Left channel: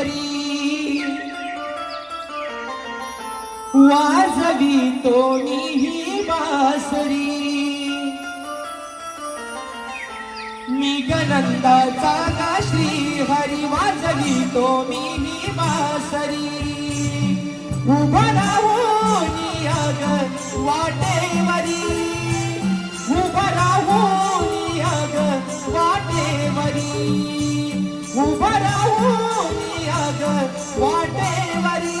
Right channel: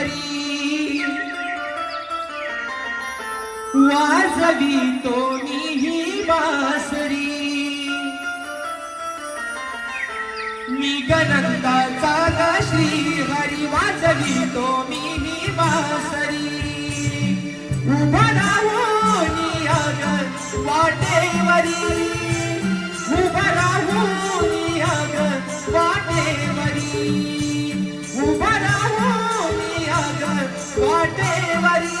बासरी वाजवितो मी ही बासरी मी गनंदाचा गा श्री हरी वाजवितो मी ही बासरी उभा राहून याग वाटेवरी उभा राहून याग वाटेवरी उभा राहून याग वाटेवरी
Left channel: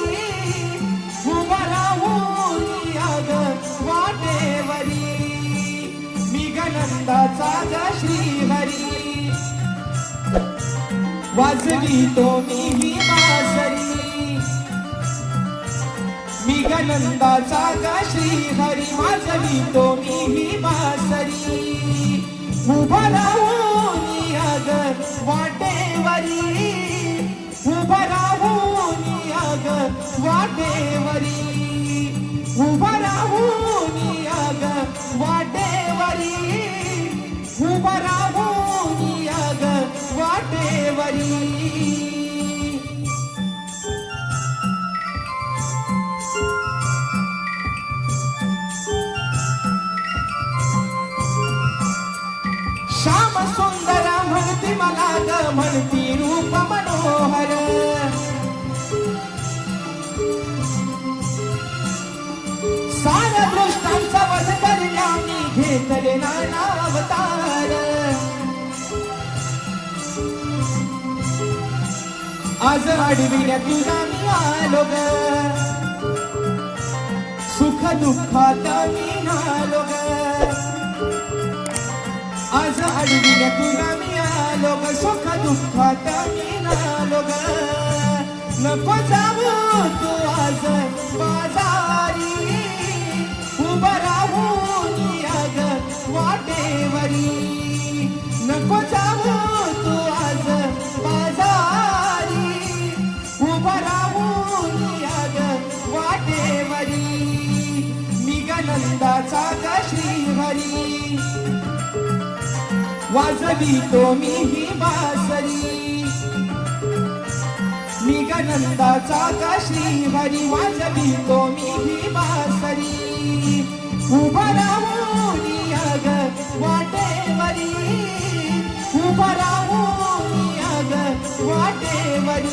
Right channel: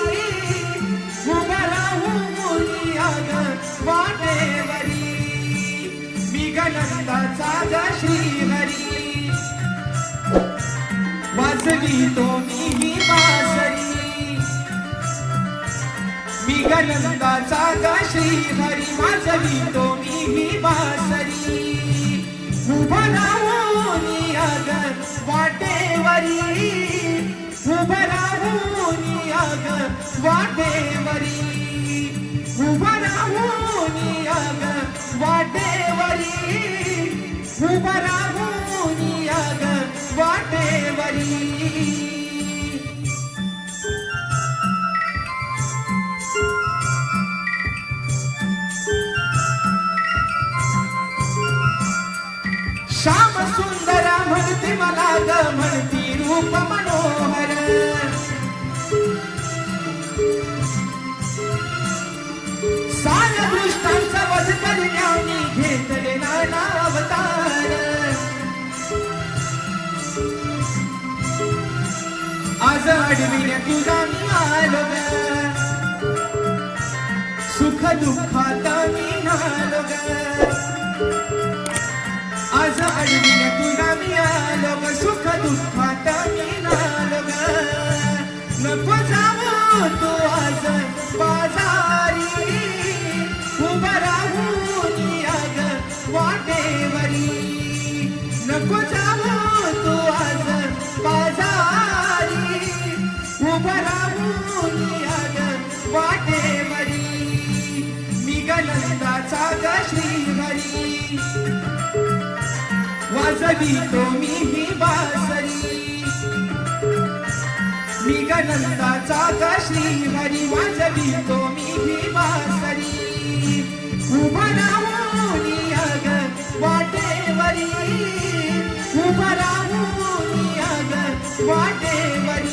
उभा राहून याग वाटेवरी मी गनंदाचा गा श्री हरी वाजवितो मी ही बासरी मी गनंदाचा गा श्री हरी वाजवितो मी ही बासरी उभा राहून याग वाटेवरी उभा राहून याग वाटेवरी उभा राहून याग वाटेवरी उभा राहून याग वाटेवरी श्याम सुंदर म्हणते मला ग म्हणती रूप मनोहर सार दृष्टांचा वध करण्याने घेतले नाना अवतार आज अडविण्या तुझा मी आलो ग सुख दुःखात मी नालो ग आज अडविण्या तुझा मी आलो ग सुख दुःखात मी नालो ग नको जाऊ तू आज बाजारी उभा राहून याग वाटेवरी नको जाऊ तू आज बाजारी उभा राहून याग वाटेवरी मी गनंदाचा गा श्री हरी वाजवितो मी ही बासरी मी गनंदाचा गा श्री हरी वाजवितो मी ही बासरी उभा राहून याग वाटेवरी उभा राहून याग वाटेवरी